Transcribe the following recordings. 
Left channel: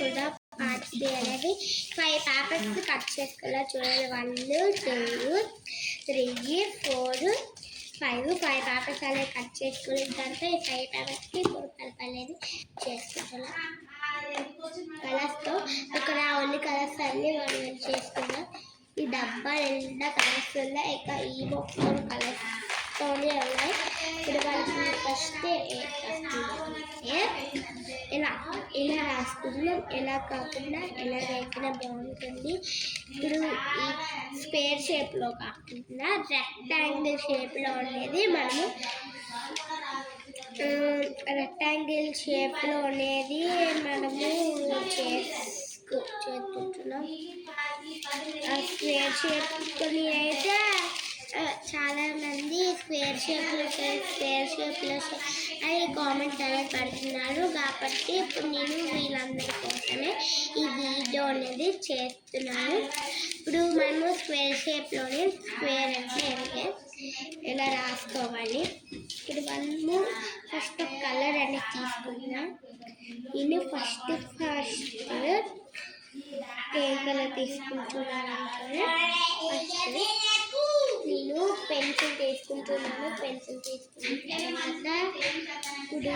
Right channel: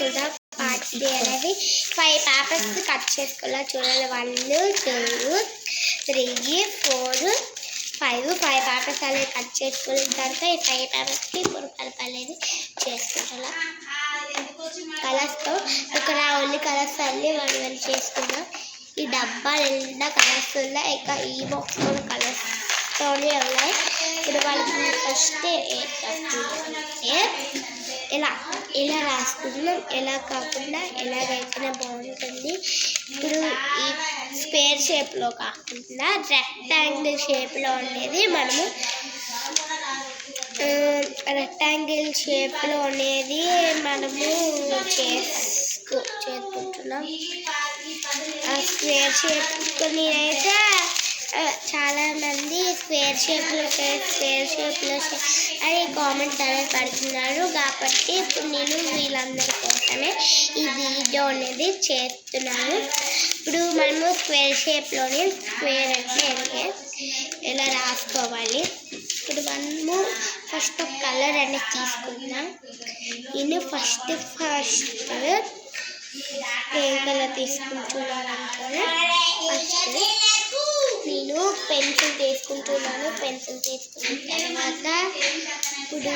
చేసుకుందాం. Parts day అనేది 5 papers cut చేసుకోవాలా. చూడండి 1 2 3 4 5 పేపర్స్ అనేది కట్ చేసుకున్న తర్వాత ఈ 5 పేపర్స్కి ఇప్పుడు కలప అనేది చేసుకుంటా. కలర్స్తో ఇక్కడ ఓన్లీ కలర్స్ అన్నీ మనం చేసుకుందాం. ఈ డబ్బా నిండా కలర్స్ ఉన్నాయి. ఇంకా ఈ బాక్స్ కూడా కలర్స్తోనే ఉన్నాయి. ఇప్పుడు వాళ్ళకి ఫస్ట్ ఇలా రాసుకుంటున్నాం. ఎలా కాకుండా ఎలాగైతేనే బాగుంటుంది. ఇప్పుడు ఈ స్క్వేర్ షేప్లో కాకుండా రెక్టాంగిల్ షేప్లో ఉండేది మనము చేసుకుంటున్నాం. స్క్వేర్ షేప్ నేనైతే చాలామంది స్క్వేర్ షేప్లో అని కామెంట్స్ అనేది పెడుతున్నారు. కాబట్టి ఇప్పుడు నేను వీళ్ళందరి కోసమే ఈ వీడియో అనేది చేస్తున్నాను. ఇప్పుడు మనము స్క్వేర్ షేప్లోనే స్క్వేర్ అంటే ఎలా రాసుకోవాలి. ఇప్పుడు మనము ఫస్ట్ ఒక కలర్ అనేది తీసుకుందాం. నేను ఫస్ట్ ఏం కలర్ తీసుకుంటున్నాను అంటే ఫస్ట్ నేను పెన్సిల్ తీసుకుంటున్నాను. పెన్సిల్ తీసుకున్న తర్వాత ఇప్పుడు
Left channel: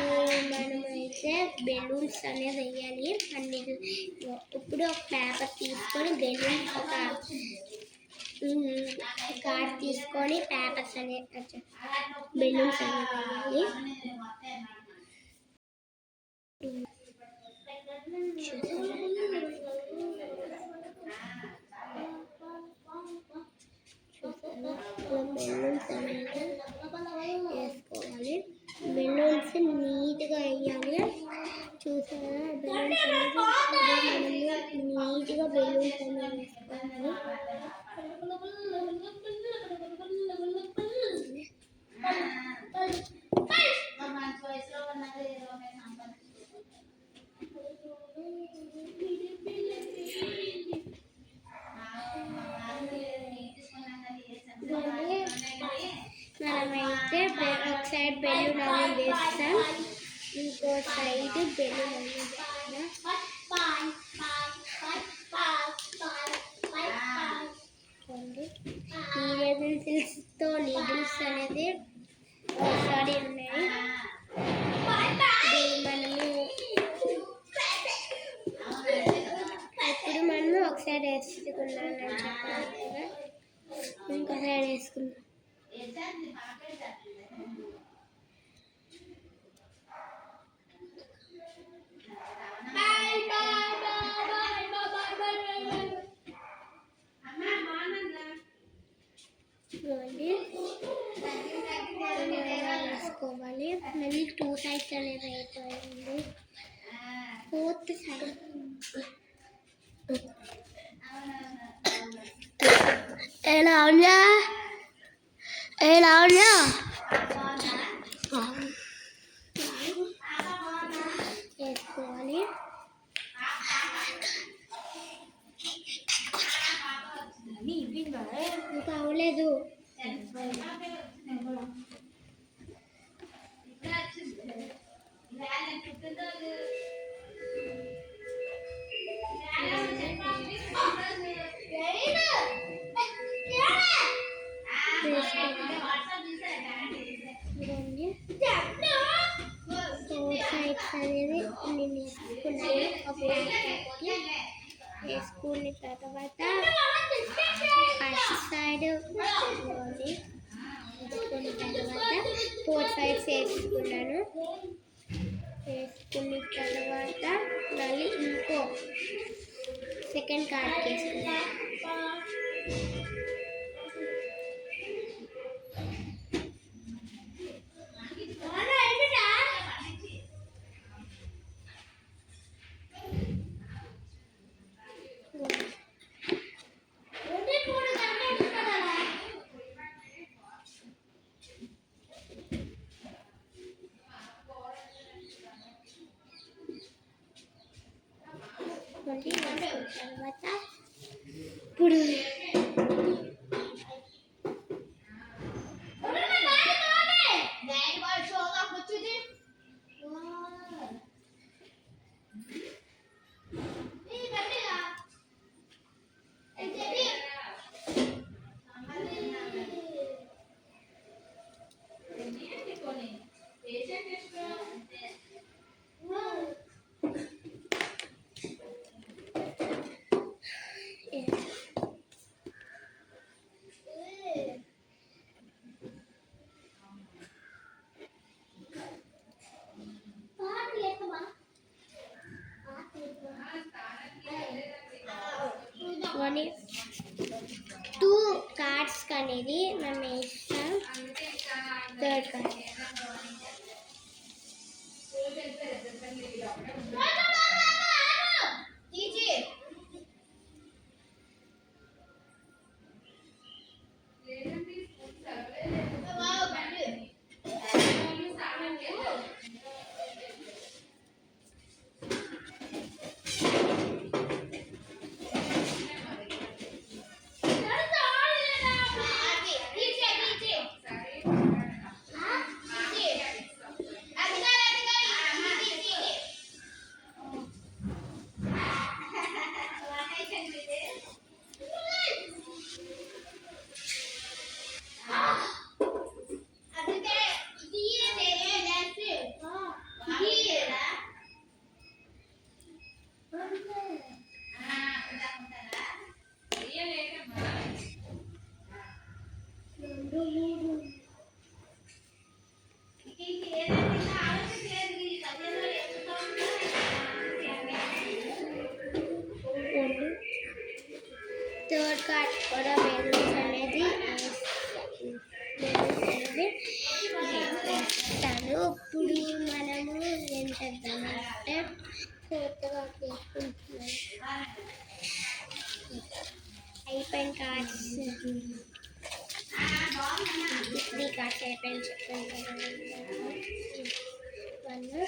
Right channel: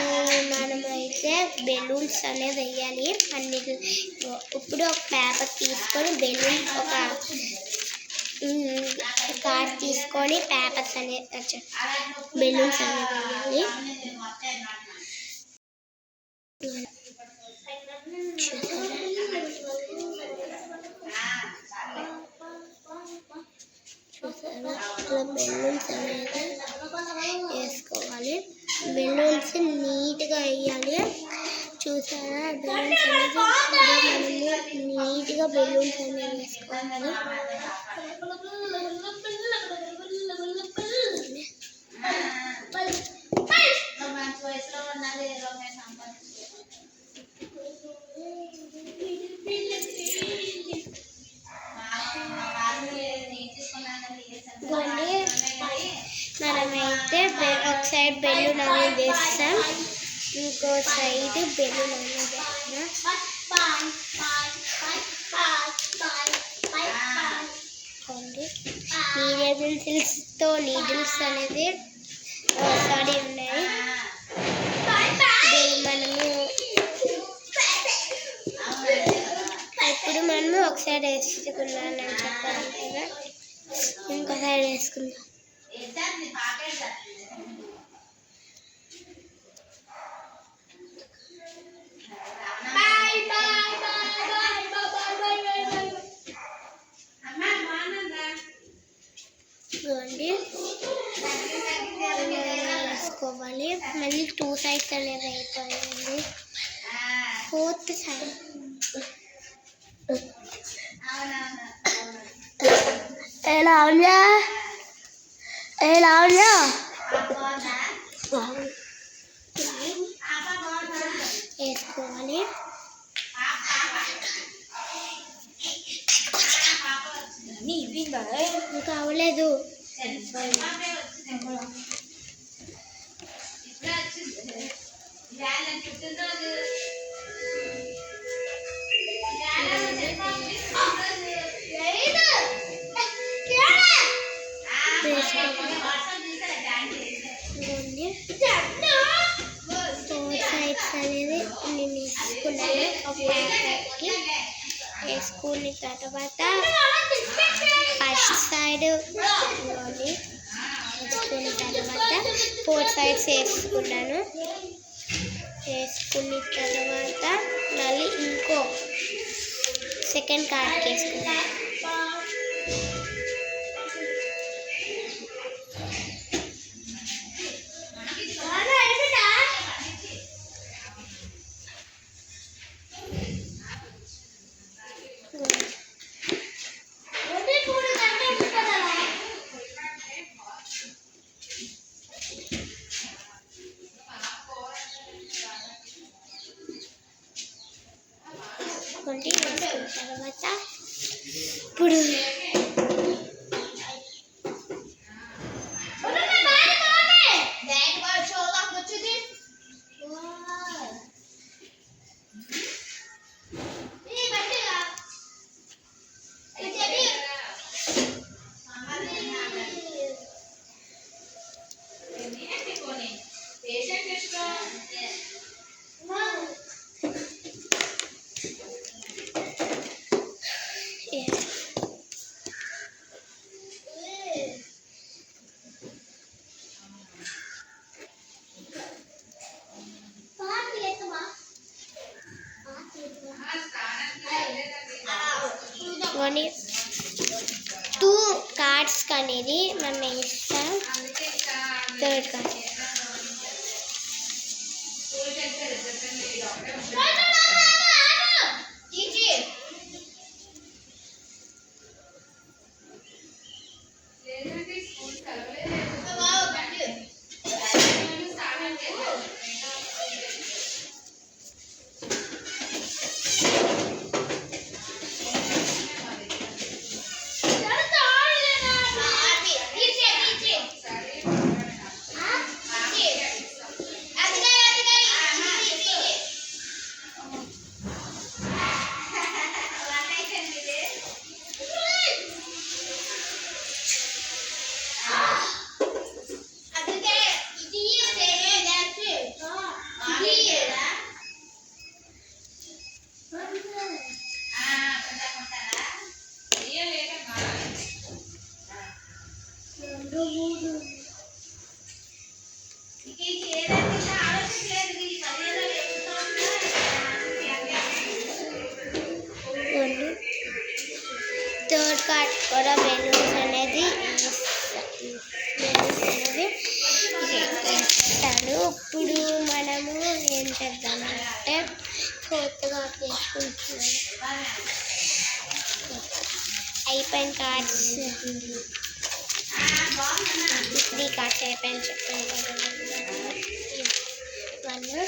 మనమైతే బెలూన్స్ అనేది వేయాలి. ఇప్పుడు ఒక పేపర్ తీసుకొని ఒక కార్డ్ తీసుకొని పేపర్స్ అనేది బెలూన్స్ అనేది వేయాలి. చూసారా ఇట్లా బెలూన్స్ అనేది వేసుకోవాలి. బెలూన్స్ నీట్గా వేయాలి. చూసారా బెలూన్స్ అనేది మనము నీట్గా బెలూన్స్ అనేది వేసుకోవాలి. మనమైతే ఒక సైడ్ బెలూన్ అనేది వేస్తాం, ఇంకో సైడ్ బెలూన్ అనేది వేస్తాం. పెన్సిల్స్తో నీడిల్స్ అనేది ఉన్నాయి. ఇప్పుడు మనము ఒక సైడ్ వేసుకున్నానని చెప్పాలి కదా, ఇంకో సైడ్ వేసుకుందాం. వేసుకోవాలి. మళ్ళీ 2 సైడ్స్ అనేది అయిపోయింది. 4th సైడ్ ఎలా ఉన్నా వేసుకోవాలి. ఇంకా అవ్వలేదు. అనేది నేను వేసుకున్నాను. ఒక ప్యాకెట్కి వేసుకున్న తర్వాత ఫస్ట్ సైడ్ వేసుకున్న తర్వాత 4 సైడ్స్ వేసుకున్నాను. వేసుకున్న తర్వాత మళ్ళీ ఇంకో సెకండ్ కార్డ్కి వేసుకున్నాను. తర్వాత ఇప్పుడు కొన్ని 2 కార్డ్స్ అనేది మనం ఇస్తాం. థర్డ్ కార్డ్ థర్డ్ కార్డ్ కూడా బెలూన్స్ అనేది ఇస్తాడు. ఇప్పుడు మనము ఏం చేద్దామంటే ఫోర్త్ కార్డ్ తీసుకుంటున్నాము. అయిపోయిన కార్డ్స్ 3 కార్డ్స్ అయిపోయిన చెప్పండి. 1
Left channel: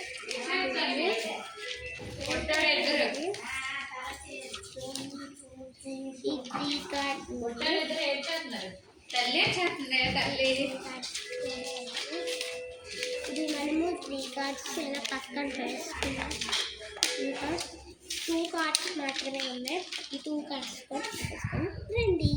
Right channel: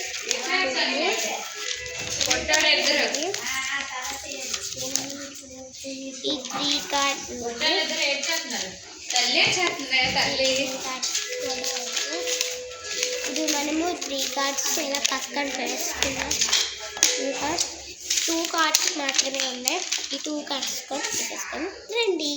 ఈ 3 కార్డ్స్ ఇప్పుడు మనము 3 కార్డ్స్ ఇలా పక్కన వేసుకున్నాం. ఇంకా 2 కార్డ్స్ మాత్రమే ఉన్నాయి. ఈ 2 కార్డ్స్ కూడా తీసుకొని రండి.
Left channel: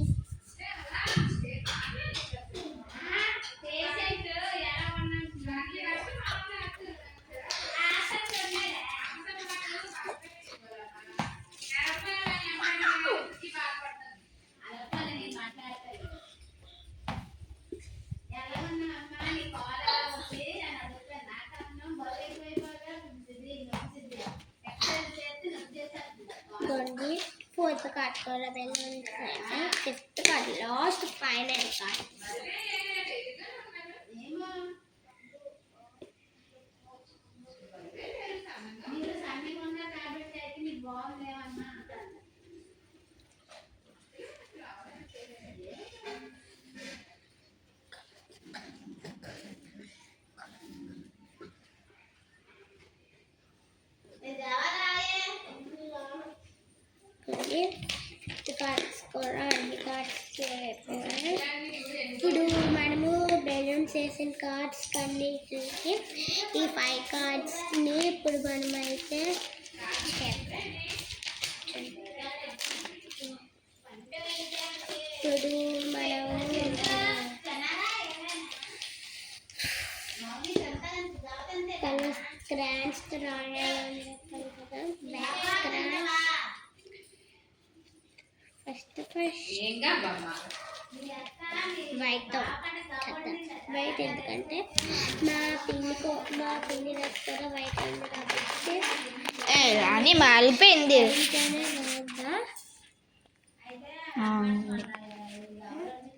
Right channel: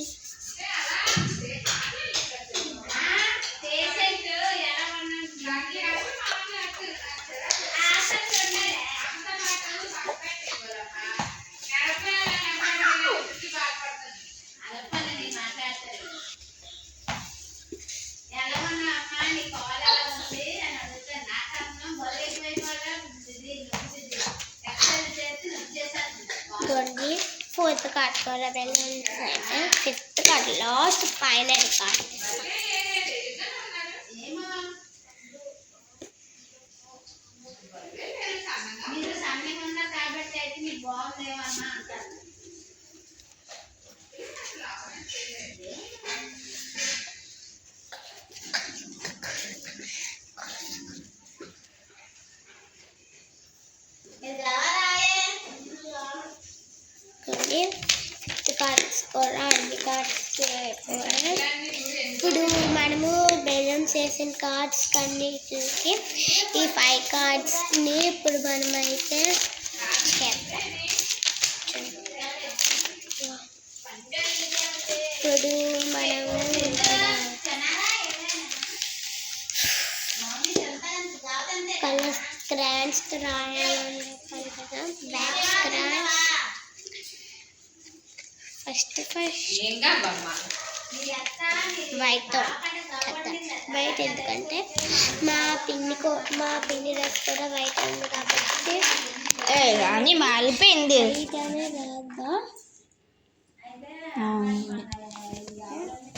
ఫోర్త్ కార్డ్ కూడా బెలూన్స్ అయితే fifth card last final card. Fifth cards కూడా అన్ని కార్డ్స్ అయిపోయాయి. ఇప్పుడు మనము బెలూన్స్ వేసిన కార్డ్స్ అన్ని చూసి ఈ 5 కార్డ్స్ని ఇప్పుడు మనమైతే చేద్దాం. ఇప్పుడు మనము కలర్ స్క్రాన్స్ రాయాలని చెప్పాలి కదా. బ్లాక్ స్క్రాన్స్ ఫస్ట్ వైట్తో వైట్, ఎందుకంటే మా పిన్ని డ్రెస్ కూడా వైట్ ఉంది కాబట్టి అని మాలిపోయింది.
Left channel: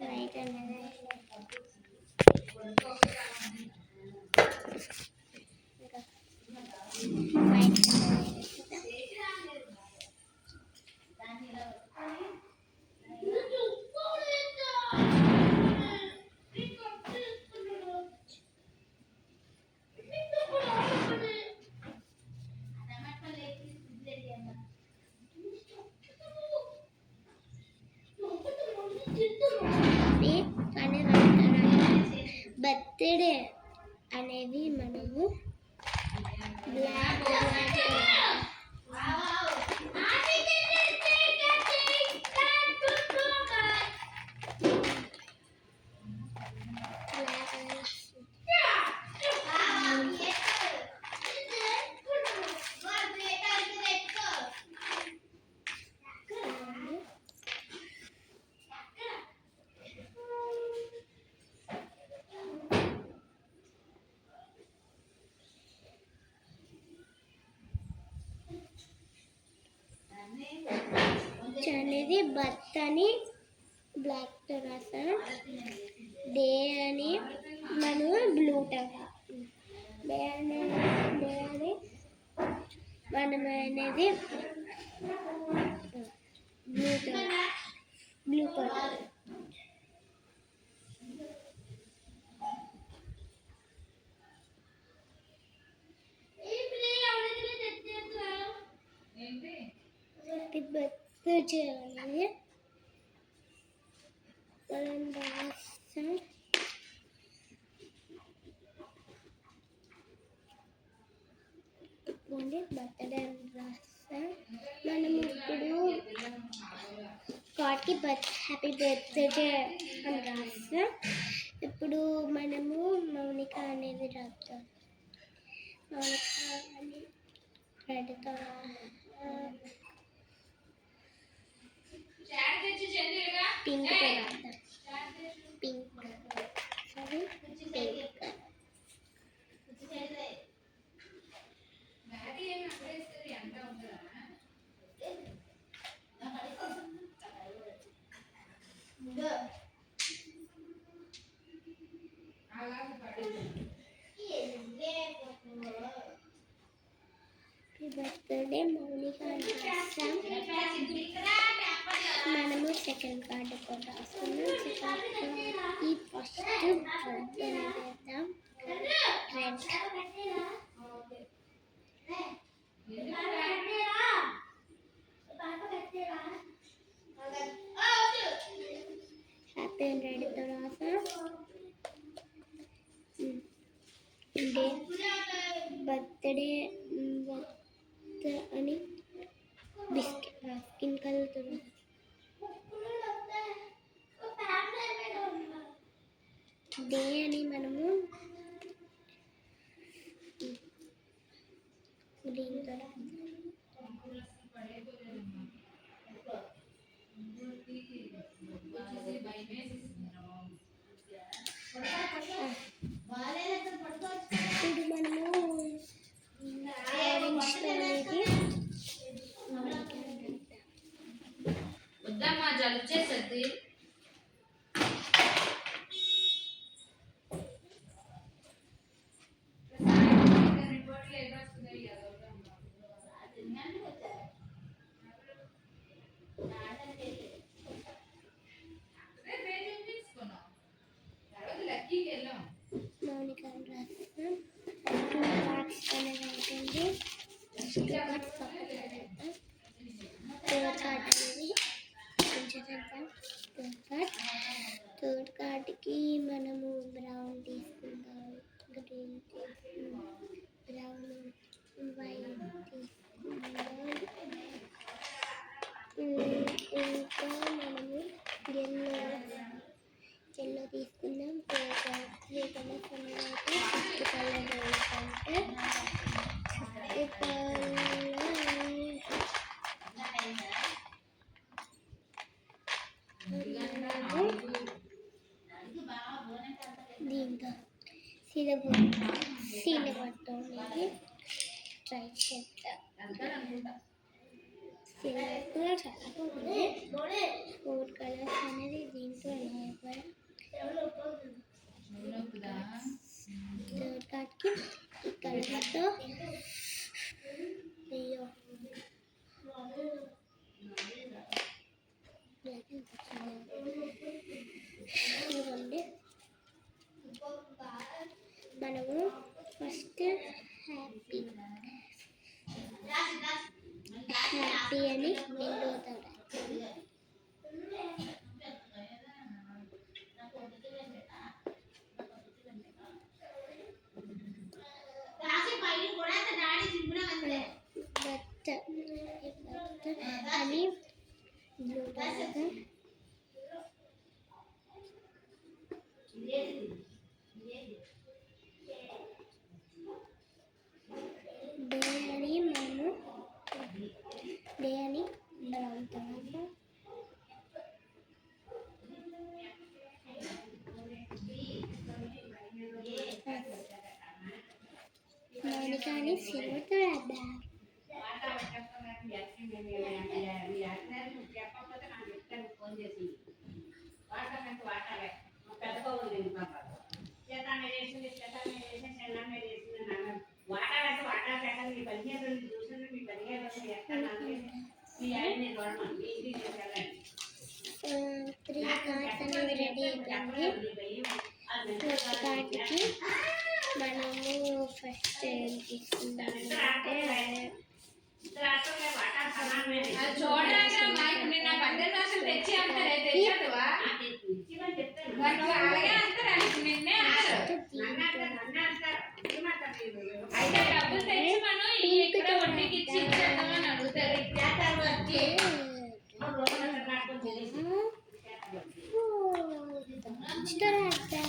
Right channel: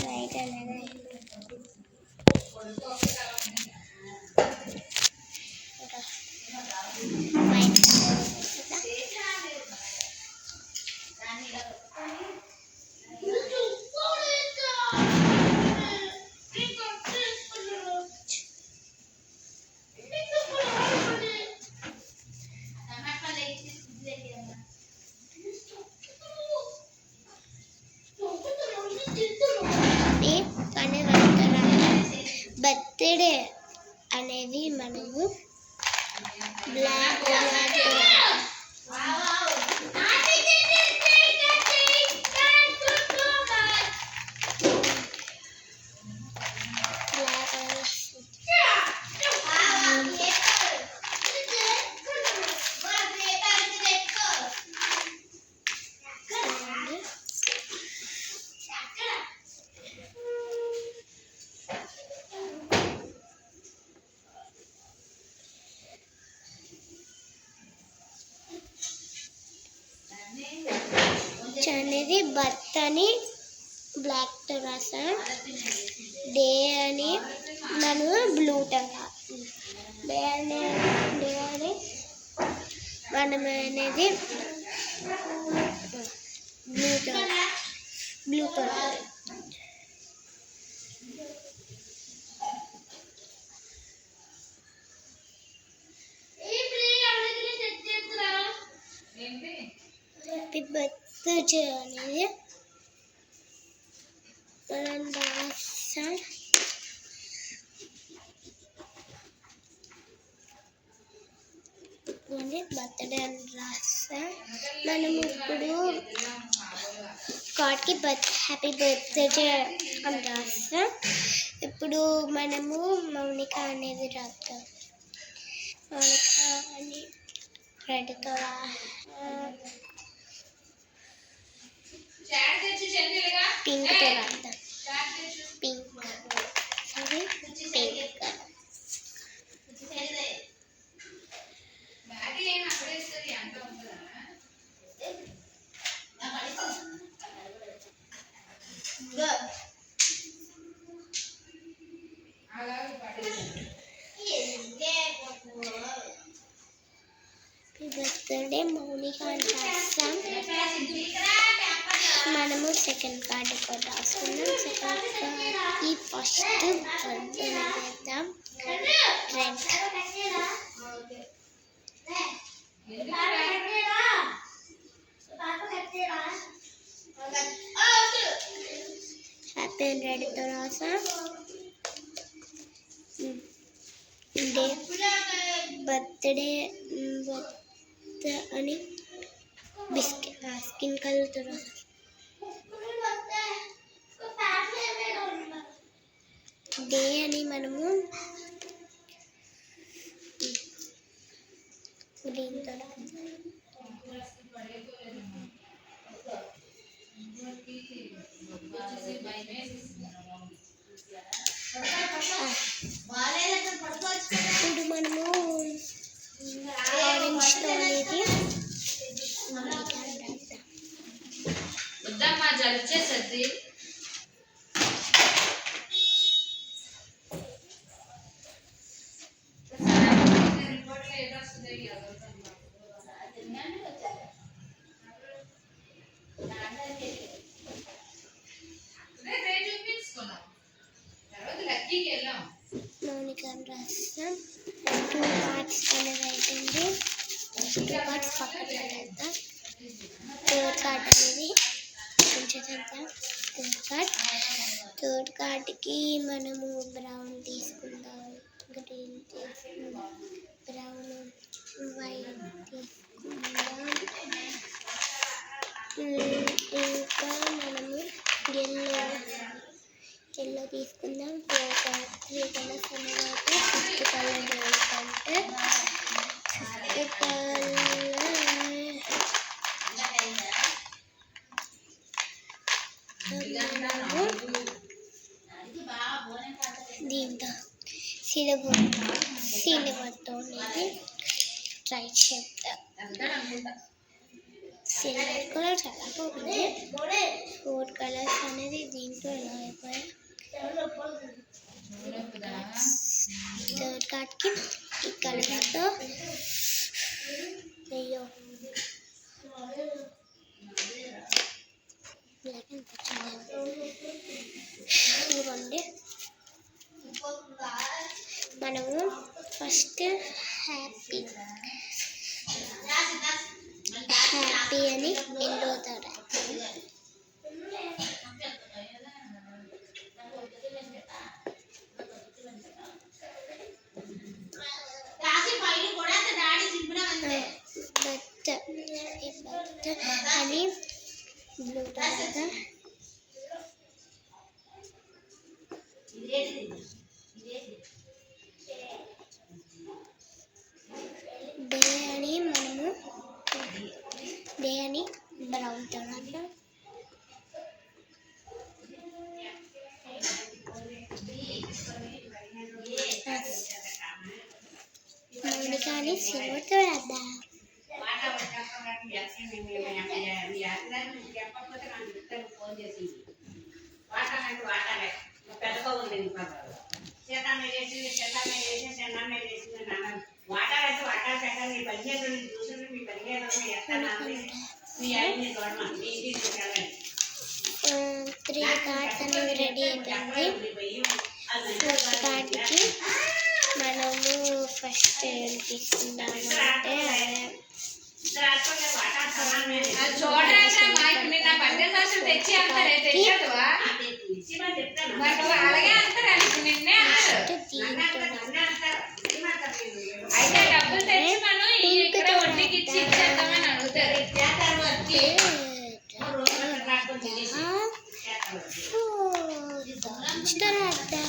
వైట్ అనేది బర్త్డే అనేది మనము బ్లాక్ అనేది బర్త్ అని బ్లాక్తో రాసాం. డే అని మనం బ్లూతో డే అని మనం అనేది బ్లూతో హ్యాపీ బర్త్డే అనేది మనం రాసాం. బర్త్డే అని రాసాం. మనం ఇప్పుడు కార్డ్కి హ్యాపీ బర్త్డే అని రాస్తాం. ఇప్పుడు మనము మౌనిక అనేది రాస్తాం. మౌనిక అని రెడ్తో పింక్తో రాద్దాం. పింక్ అది పింక్. బర్త్డే మౌనిక అని రాస్తాం. మనము సెకండ్ కార్డు కూడా రాసుకున్నాం. సెకండ్ కార్డ్కి ఫస్ట్ బర్త్డే వేద్దాం. రెడ్ హ్యాపీ రెడ్తో రాసాం. డే బర్త్డే అని బిస్కెట్ స్కిన్ కలర్తో రాసాం. డే అని మనము గ్రీన్తో రాసాం. ఇప్పుడు మనము ఆరెంజ్తో అనేది వద్దమ్మా జలిచేసద్ది. మౌనిక రాస్తాం. 2 parts అనేది అయిపోయింది. 2 parts పక్కన పెట్టేద్దాం. థర్డ్ కార్డ్ అనేది కొంచెం చేద్దాం. థర్డ్ కార్డ్కి మనము బ్రౌన్ తీసుకుందాం, గ్రీన్ తీసుకుందాం, బ్రౌన్ వైట్ తీసుకుందాం. ఇంకా మనము ఎల్లో తీసుకుందాం. 3 కలర్స్ అనేది ఫిఫ్త్ కలర్ ఏంటంటే ఫిఫ్త్ కలర్ దీంతో సిల్వర్తో అనేది ట్రై చేద్దాం. సిల్వర్ కలర్ చాలా బాగుంది. 4 కలర్స్ అనేది దీంట్లో ఎలా అయిపోయాయి. థర్డ్ కార్డ్కి ఈ కలర్తో అయ్యో ఇవ్వండి. మనము ఫస్ట్ హ్యాపీ అని ఎల్లోతో అని బ్లూతో డే అని మనము డే అని బ్రౌన్తో రాద్దాం. మౌనిక అని సిల్వర్తో రాద్దాం. త్రీ కార్డ్స్ అనేవి రెడీ అయిపోయింది. ఫోర్త్ కార్డ్కి మనము ఫస్ట్ ఏం తీసుకుందాము అంటే హ్యాపీ అని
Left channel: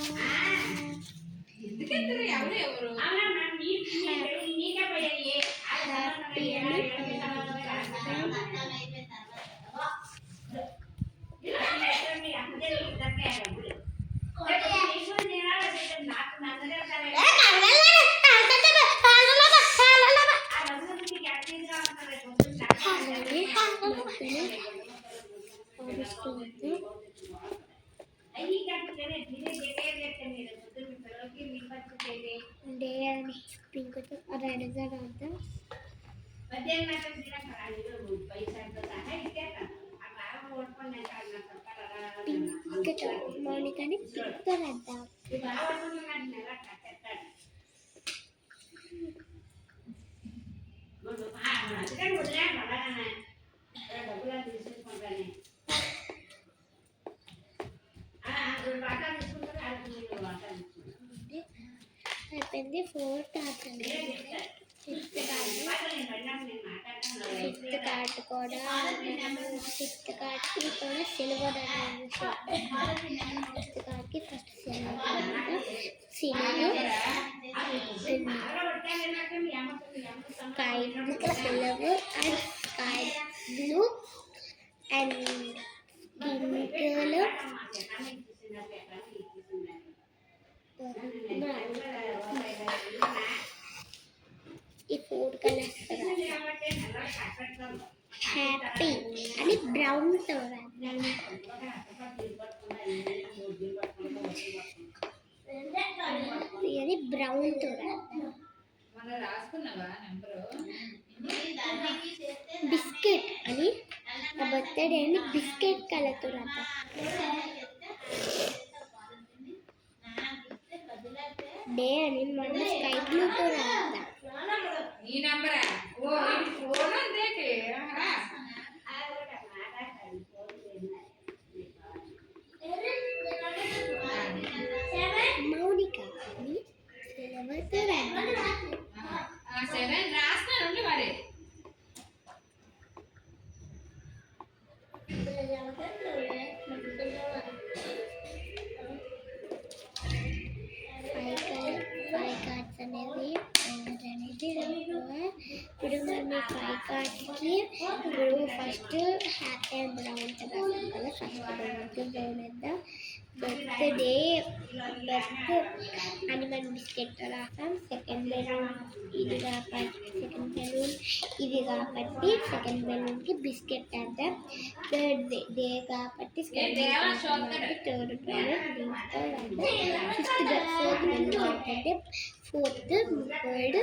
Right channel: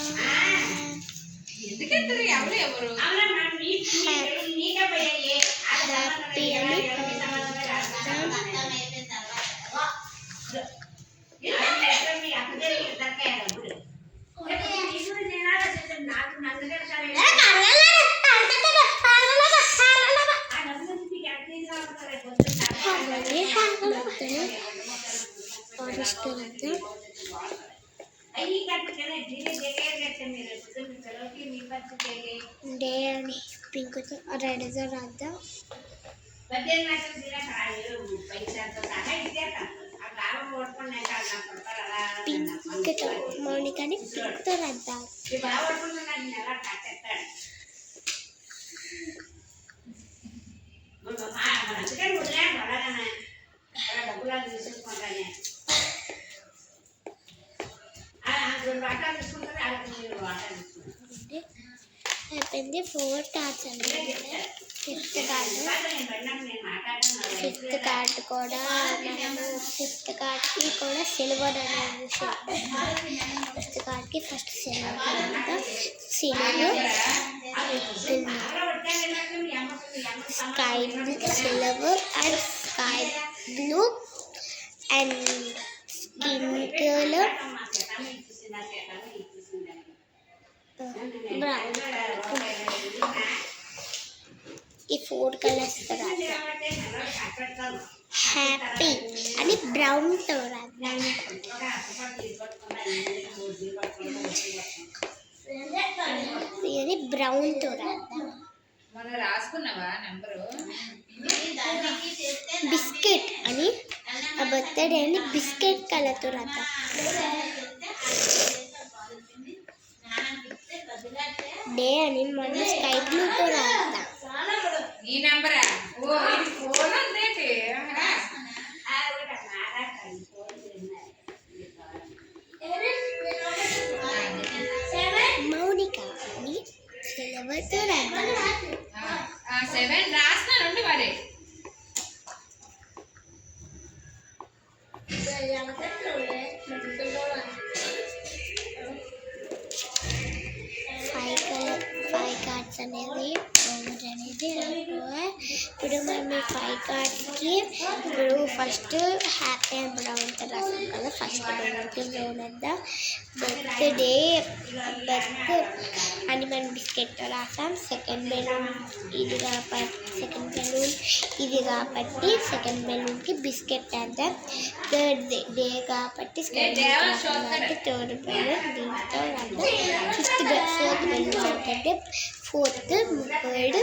డే అని పింక్తో రెడ్తో రాద్దాం. పింక్తో మౌనికని పింక్తో రాద్దాం. అయిపోయింది. 4 కార్డ్స్ అనేది. ఫిఫ్త్ కార్డ్ కూడా మనము ఫిఫ్త్ కార్డ్కి కూడా సిల్వర్ అనేది ఫిఫ్త్ కార్డ్కి ఫస్ట్ సిల్వర్, తర్వాత silver, sky silver and sky blue and skin colour brown. ఈ 4 కలర్స్ హ్యాపీ అని బ్రౌన్తో రాద్దాం. ఇది బ్రౌన్తో రాద్దాం. బిస్కెట్ అని ఆ బర్త్డే అని బిస్కెట్ కలర్తో రాద్దాం. డే అని మనం స్కై బ్లూతో రాద్దాం. ఈ నంబరా ఓ ఇది ఫోన్ అందేటి మౌనిక అని సిల్వర్తో రాద్దాం. 7 రాస్తానండి మరి. ఫైవ్ కార్డ్స్ అనేది ఇప్పుడు మనం ఈ 5 కార్డ్స్కి ఇప్పుడు ఫస్ట్ హ్యాపీ అండ్ బ్రౌన్ రాసాం కదా. ఫస్ట్ బెలూన్కి బ్రౌన్ వేద్దాం. బర్త్ అని మనం బిస్కెట్తో రాసాం. సెకండ్ బెలూన్ ఇది కాబట్టి సెకండ్ బెలూన్కి బిస్కెట్ వేద్దాం. థర్డ్ డే కాబట్టి థర్డ్ బెలూన్ దీంతో రాద్దాం. ఫోర్త్ బెలూన్ ఏంటంటే ఫోర్త్ థర్డ్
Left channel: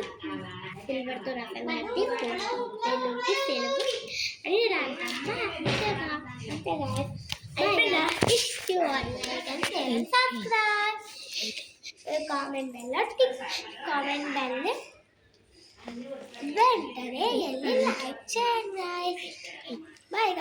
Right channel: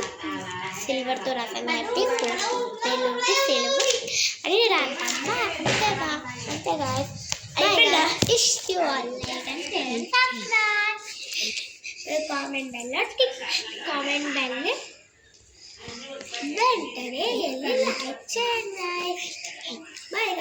సిల్వర్తో రాసాం కాబట్టి ఫోర్త్ బెలూన్కి సిల్వర్ అని రాద్దాం. అంతేగా ఇష్యూ కామెంట్ బెల్ వెంటనే వెళ్ళి లైక్ చేయండి. బాయ్.